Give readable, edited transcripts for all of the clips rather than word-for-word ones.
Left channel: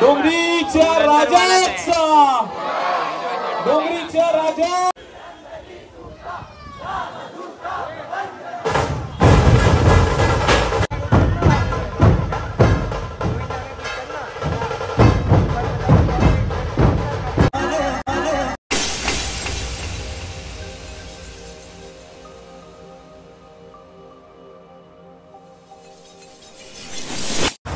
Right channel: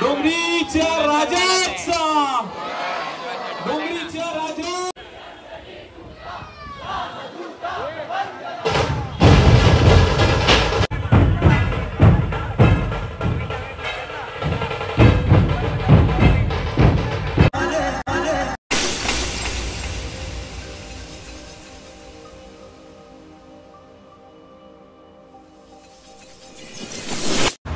डोंगरीच्या राजाचा डोंगरीच्या राजा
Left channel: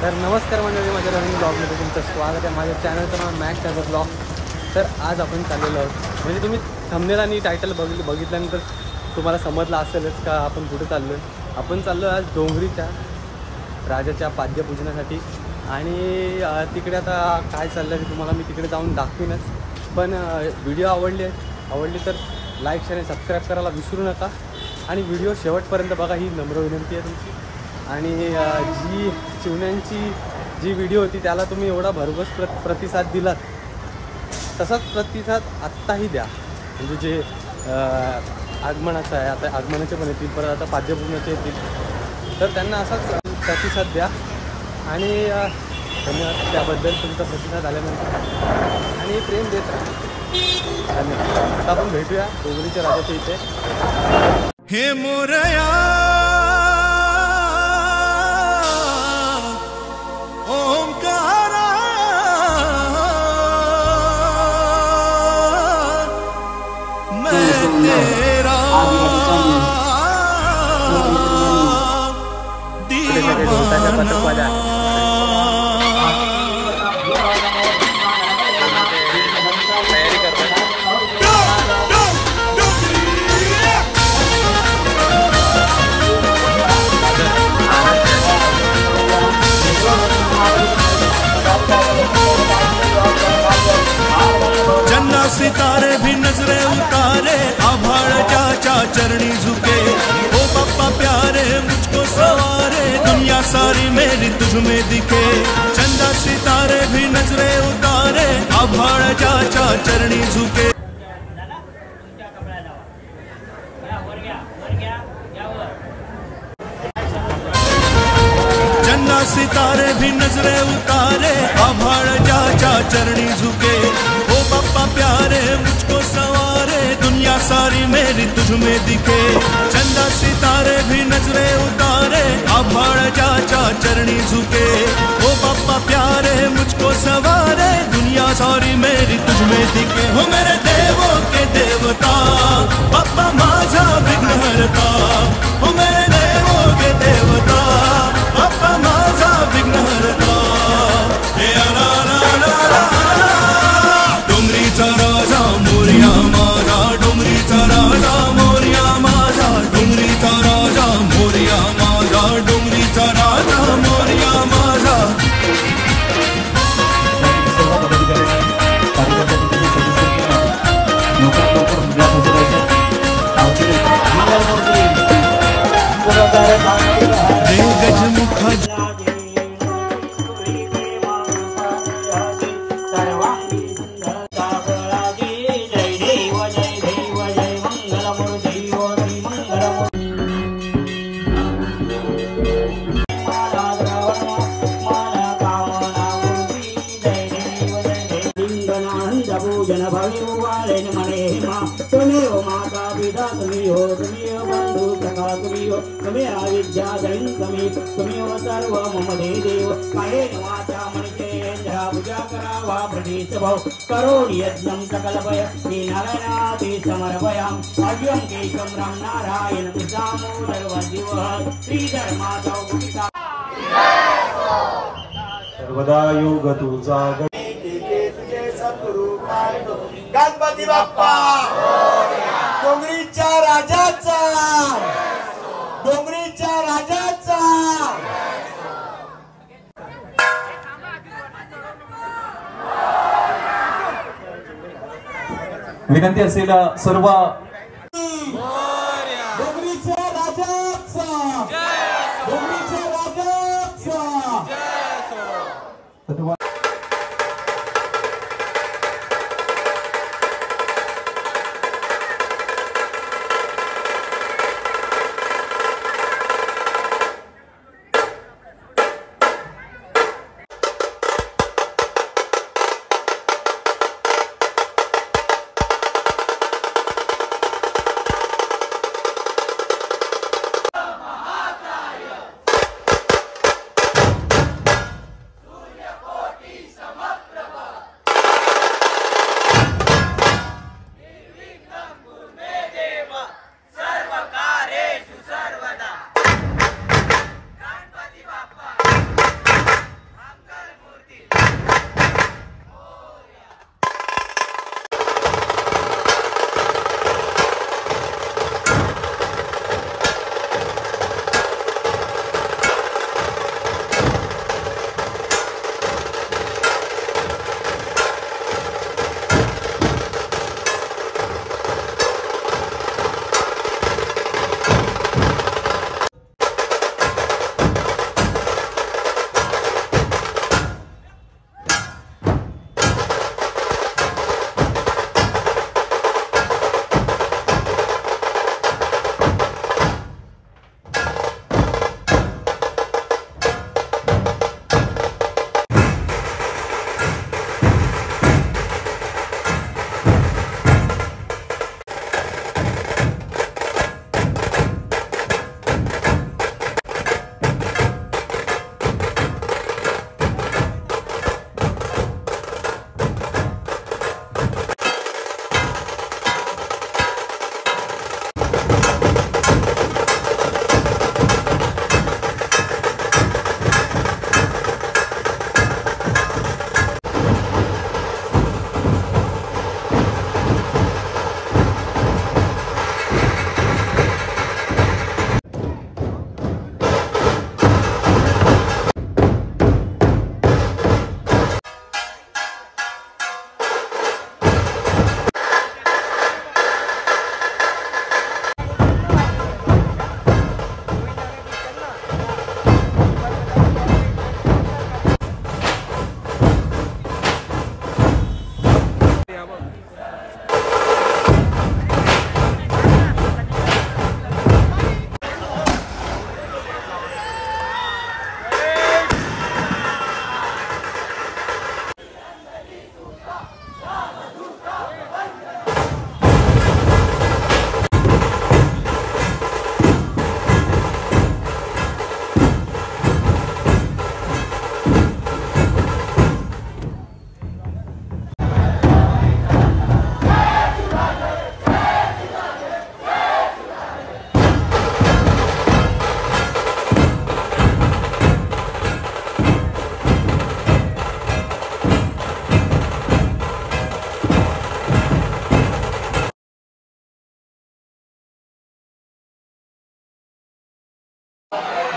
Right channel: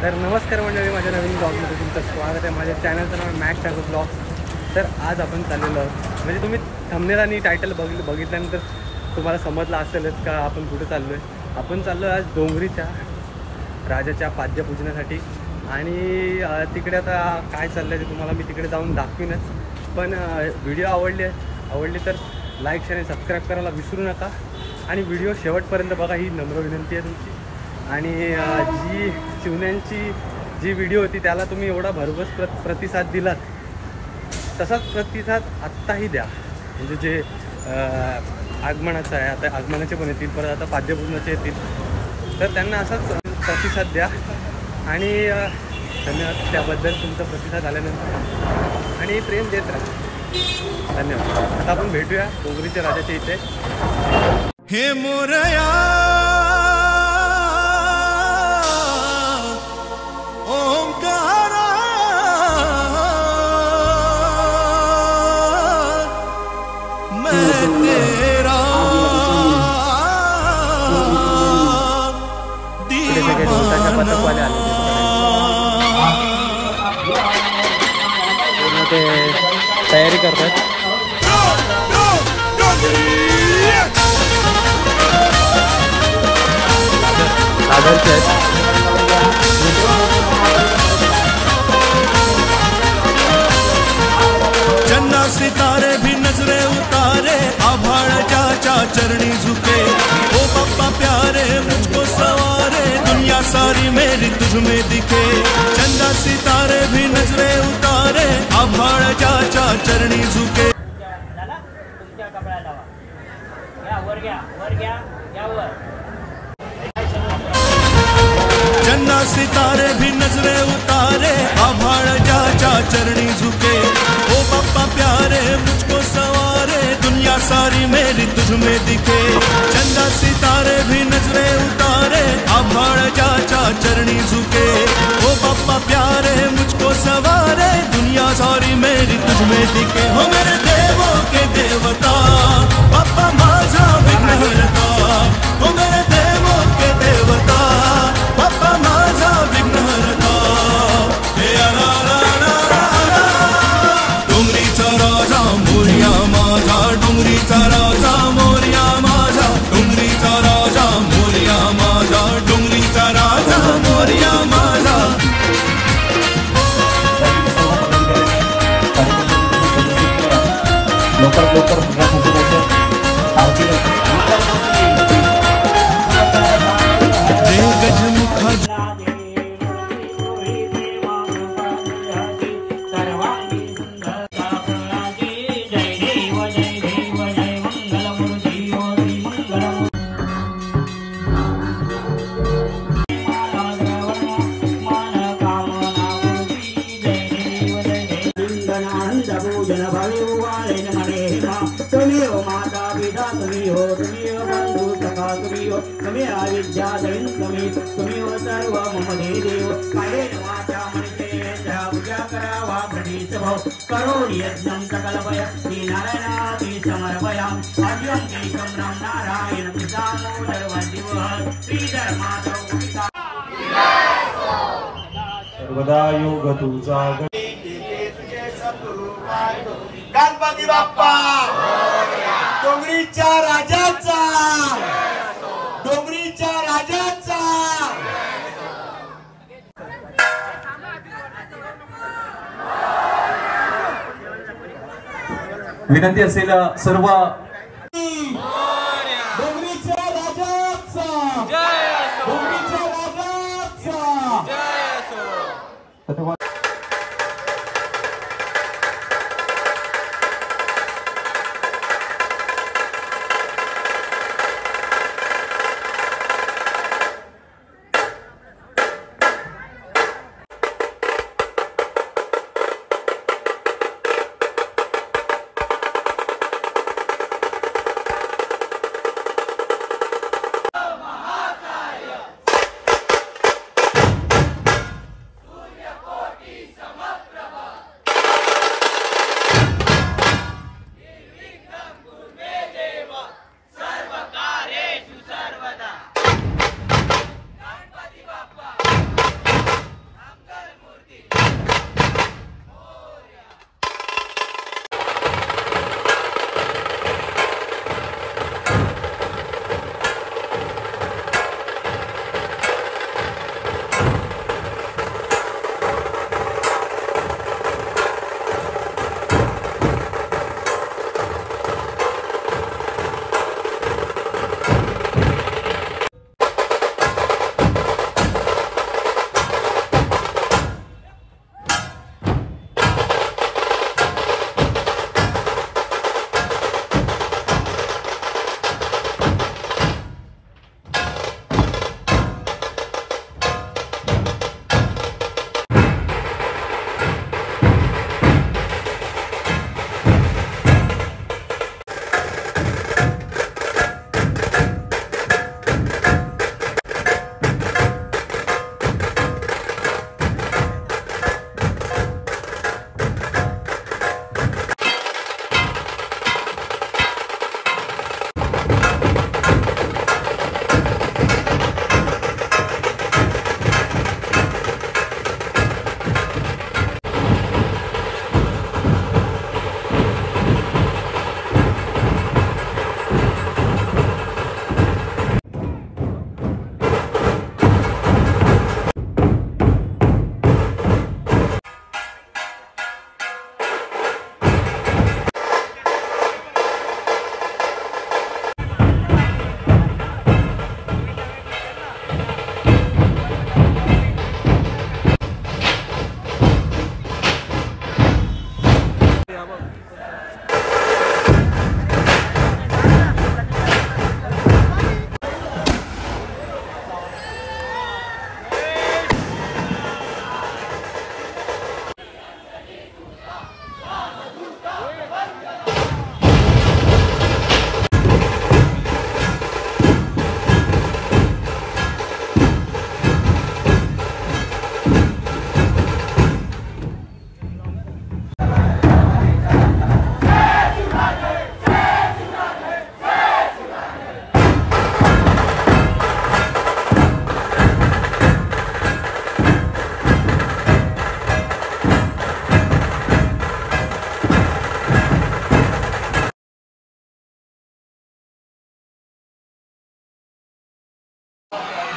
तर नमस्कार मंडळी, माझ्या नवीन ब्लॉगमध्ये तुमचं स्वागत आहे. माझ्या चॅनलचं नाव मॅक्स टायगर ब्लॉग. तर आज आपण चाललेलो आहोत, म्हणजे तुम्ही थंबनेल आणि टायटल बघितल्यानंतर तुम्हाला समजलं असेलच का आपण कुठे चाललो आहे. आपण चाललो आहे आज डोंगरीच्या राजाच्या पाद्यपूजनासाठी. आणि तिकडे आता काय चाललं आहे ते तुम्हाला मी तिकडे जाऊन दाखवीनच. पण व्हिडिओ आवडली तर लाईक शेअर आणि सबस्क्राईब करायला विसरू नका. आणि व्हिडिओ शेवटपर्यंत बघा, ही नम्र विनंती आहे तुमची. आणि जी चिवण्यांची जी व्हिडिओ होती त्याला तुम्ही एवढा भरघोस प्रतिसाद दिलात, तसाच प्रतिसाद आत्ताही द्या. म्हणजे जे आगमनाचं आहे, आता आगमनाचे पण येतील, परत आता पाद्यपूजनाचे येतील, तर त्यांना असाच प्रतिसाद द्या. आणि धन्यवाद त्याबद्दल, तुमचा प्रतिसाद आल्यानंतर. आणि प्रेम देत राहा. धन्यवाद. आता आपण भेटूया डोंगरीच्या राजाच्या इथे. हे मोरया सितारे भी नजरे उतारे, आभाड़ चाचा चरणी झुके। ओ पप्पा प्यारे मुझको सवारे, दुनिया सारी मेरी तुझ में दिखे। चंदा सितारे भी नजरे उतारे, आभाड़ चाचा चरणी झुके। चंदा सितारे भी नजरे उतारे, आभाड़ चाचा चरणी झुके। ओ पप्पा प्यारे मुझको सवारे, दुनिया सारी मेरी तुझ में दिखे। चंदा सितारे भी नजरे उतारे, आभाड़ चाचा चरणी झुके। ओ पप्पा प्यारे मुझको सवारे, दुनिया सारी मेरी तुझ में दिखे। हो मेरे देवों के देवता, पप्पा माझा विघ्नहर्ता। हो मेरे देवों के देवता, पप्पा माझा विघ्नहर्ता। हे डोंगरीचा राजा मोरया माझा, डोंगरीचा राजा मोरया माझा, डोंगरीचा राजा मोरया माझा, डोंगरीचा राजा मोरया माझा। रे गजमुखा तुमियो माता पिता तुमियो, तुमियो बंधु सखा तुमियो, तुमियो विद्या दलिन तुमियो सर्व मम देव। कायेन वाचा मनिषेन्द्र पूजा करावा प्रणीत भव, करोमि यज्ञं सकलभय श्रीनारायणादि समर्पयामि। अव्यं केशवं राम नारायण दामोदरवन्दिवः श्रीधर्मादौ गुणिता सर्वदा योग तुझा गणपती बाप्पा डोंगरीच्या राजाचा, डोंगरीच्या राजाचा। विनंती असेल सर्व डोंगरीच्या राजाचा, डोंगरीच्या राजाचा।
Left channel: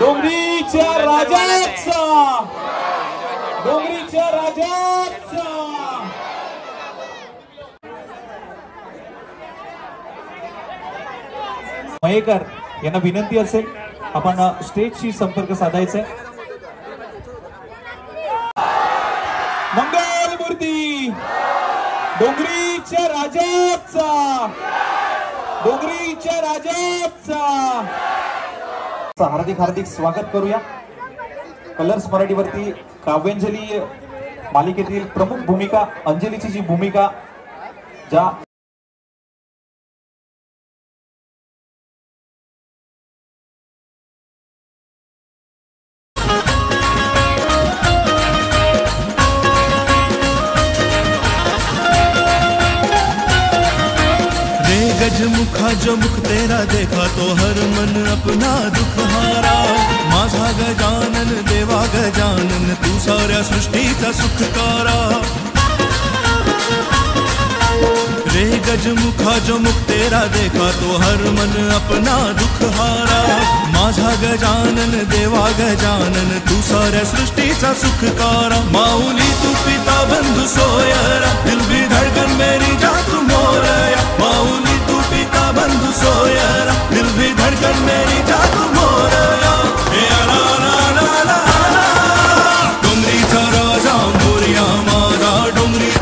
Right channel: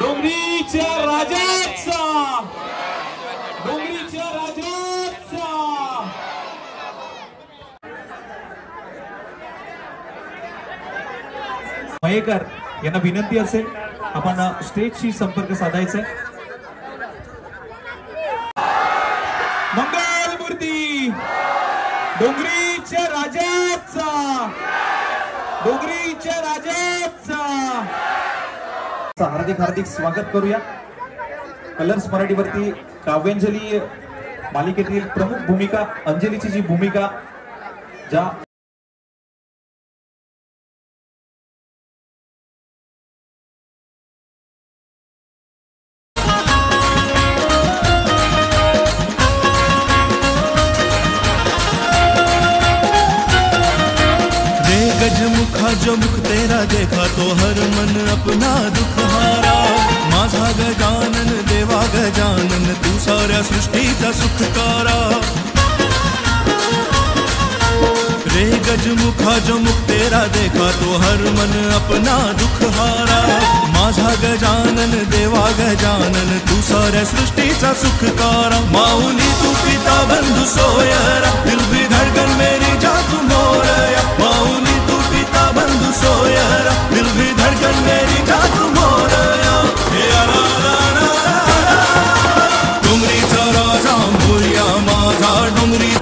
डोंगरीच्या राजाचा, डोंगरीच्या राजाचा. मयेकर यांना विनंती असेल आपण स्टेजशी संपर्क साधायचा आहे. मंगलमूर्ती डोंगरीच्या राजाचा, डोंगरीच्या राजाचा हार्दिक हार्दिक स्वागत करूया. कलर्स मराठीवरती काव्यांजली मालिकेतील प्रमुख भूमिका अंजलीची जी भूमिका ज्या गजमुखा जो मुख तेरा देखा तो हर मन अपना दुख हारा. माझा गजानन देवा गजानन तू साऱ्या सृष्टीचा सुखकारा. रे गजमुखा जो मुख तेरा देखा तो हर मन अपना दुख हारा. माझा गजानन देवा गजानन तू साऱ्या सृष्टीचा सुखकारा. माऊली तू पिता बंधु सोयरा दिल भी धड़कन मेरी जा तू मोरया. माऊली तू पिता बंधु सोयरा दिल भी धड़कन मेरी जा तू मोरया. डोंगरीचा राजा मोरया माझा डोंगरी.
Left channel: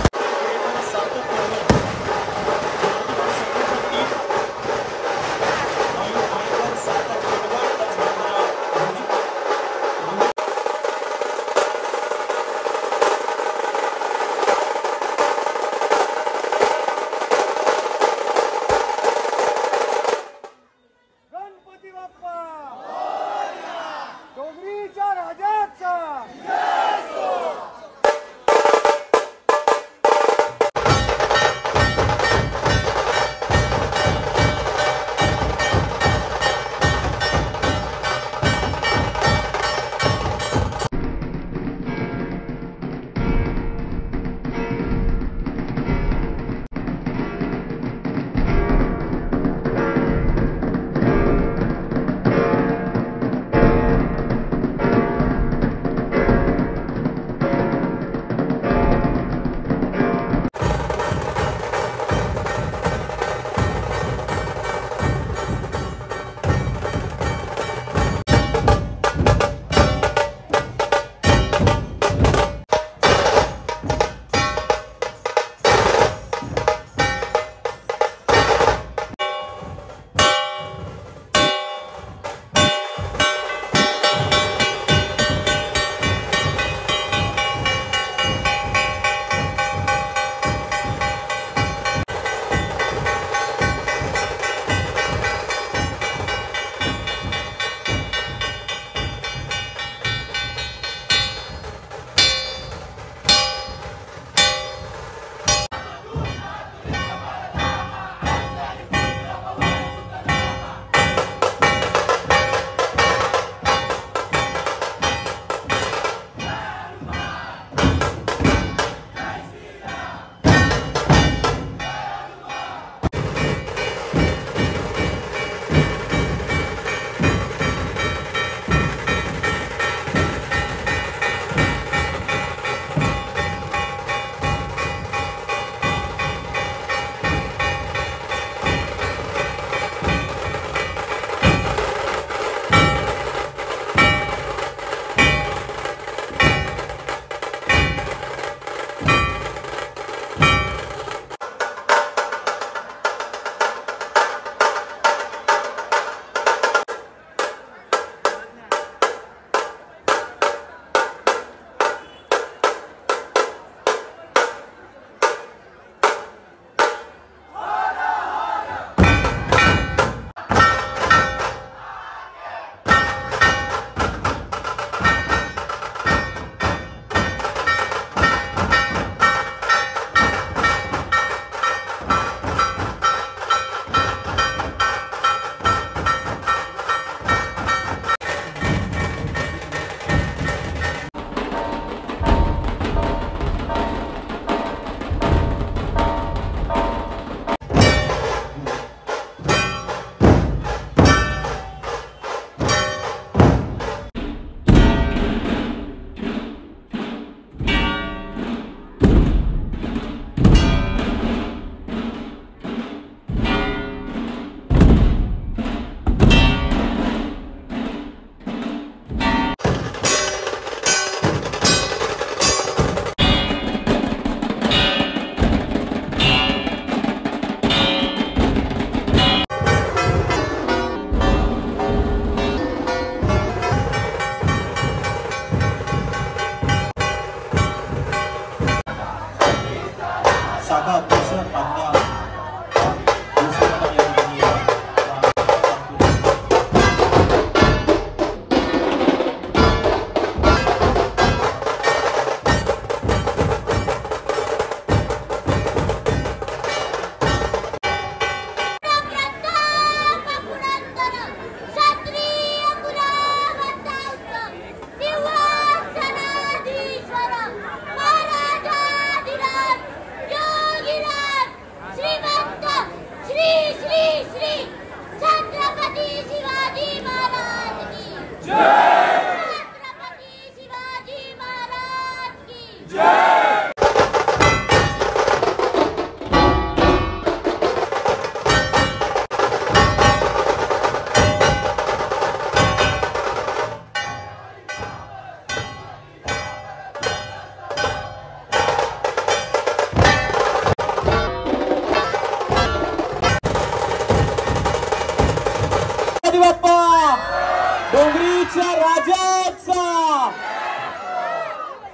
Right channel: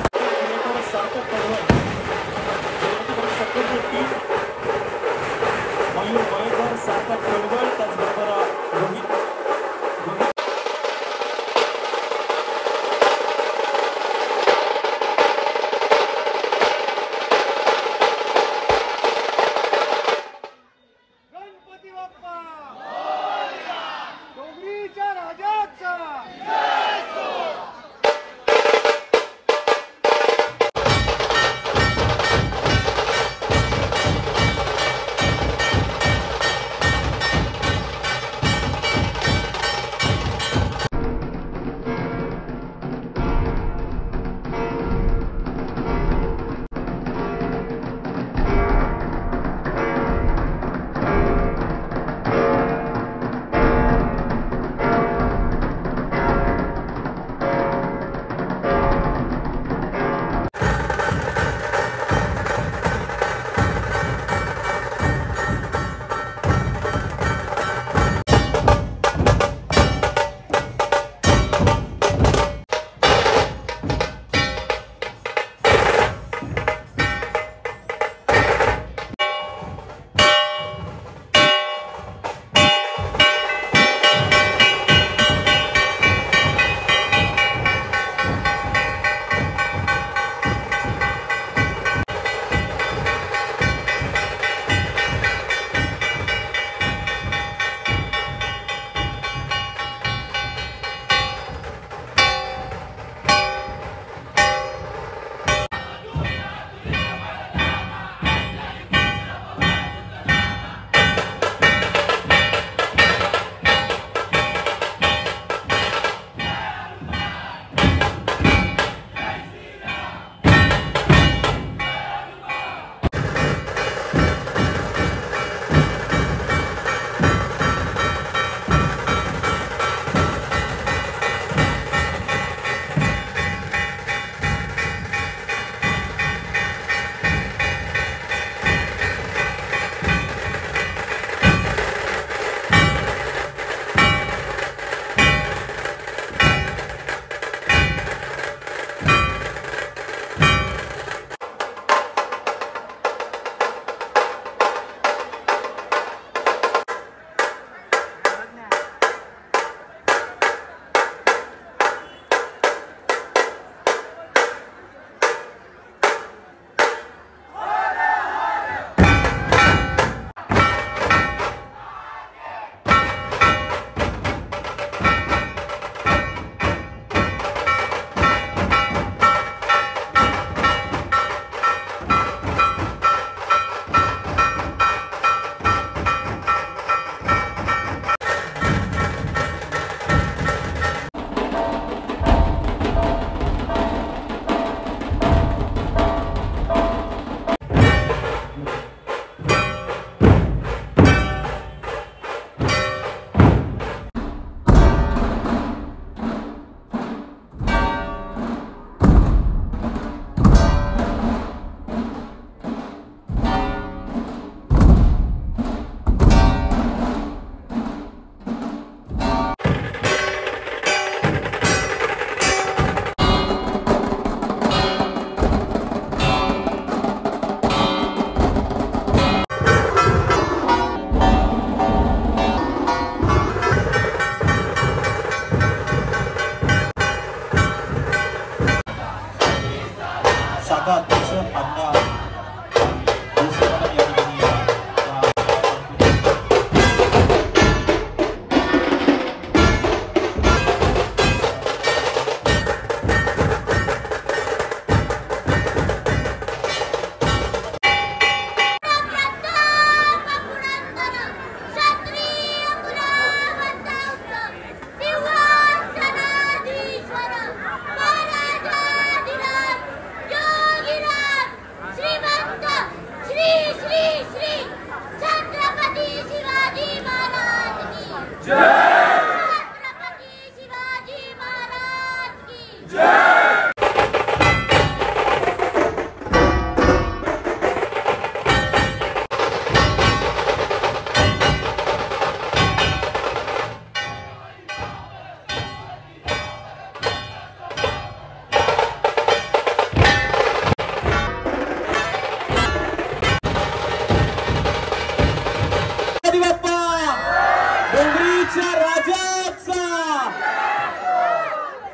डोंगरीच्या राजाचा,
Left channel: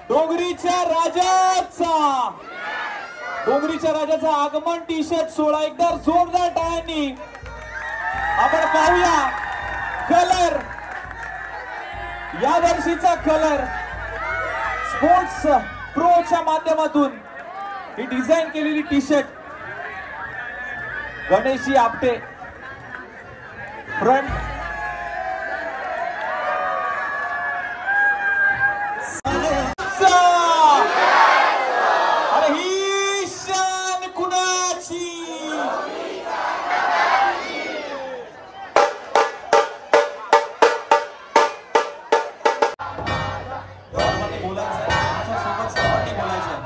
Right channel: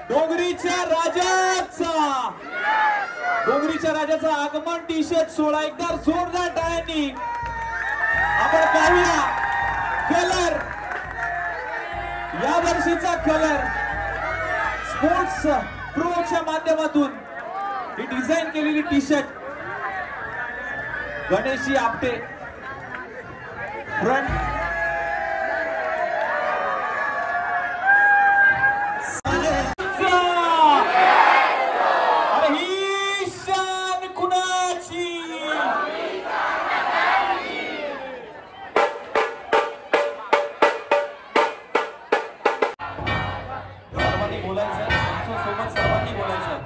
डोंगरीच्या राजाचा, डोंगरीच्या राजाचा आगमन टी शर्ट सोहळा एकदा जोरदार टाळ्यांनी आपण पाहूया. कलर, या वर्षीचा कलर स्पोर्ट्स प्रोच्या माध्यमातून ही डिझाईन केलेली T shirt Ganeshji Apte front ही शान कुणाची. सर्वांनी बोलायचंय, आमच्या सोबत सर्वांनी बोलायचंय.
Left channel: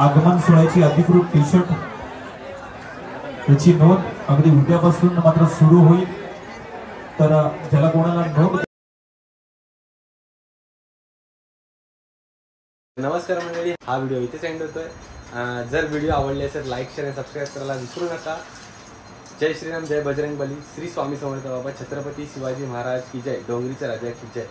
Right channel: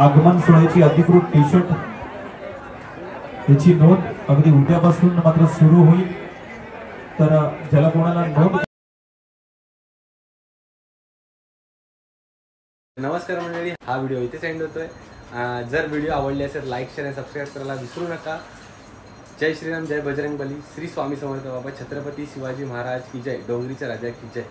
आगमन सोहळ्याची अधिकृत टी शर्ट याची नोंद अगदी उद्यापासून मात्र सुरू होईल. तर ज्याला कोणाला नोंद. नमस्कार मंडळी, हा व्हिडिओ इथे सेंड होतोय. जर व्हिडिओ आवडले असेल लाईक शेअर आणि सबस्क्राईब करायला विसरू नका. जय श्रीराम, जय बजरंग बली, श्री स्वामी समर्थ बाबा, छत्रपती शिवाजी महाराज की जय, डोंगरीच्या राजा की जय.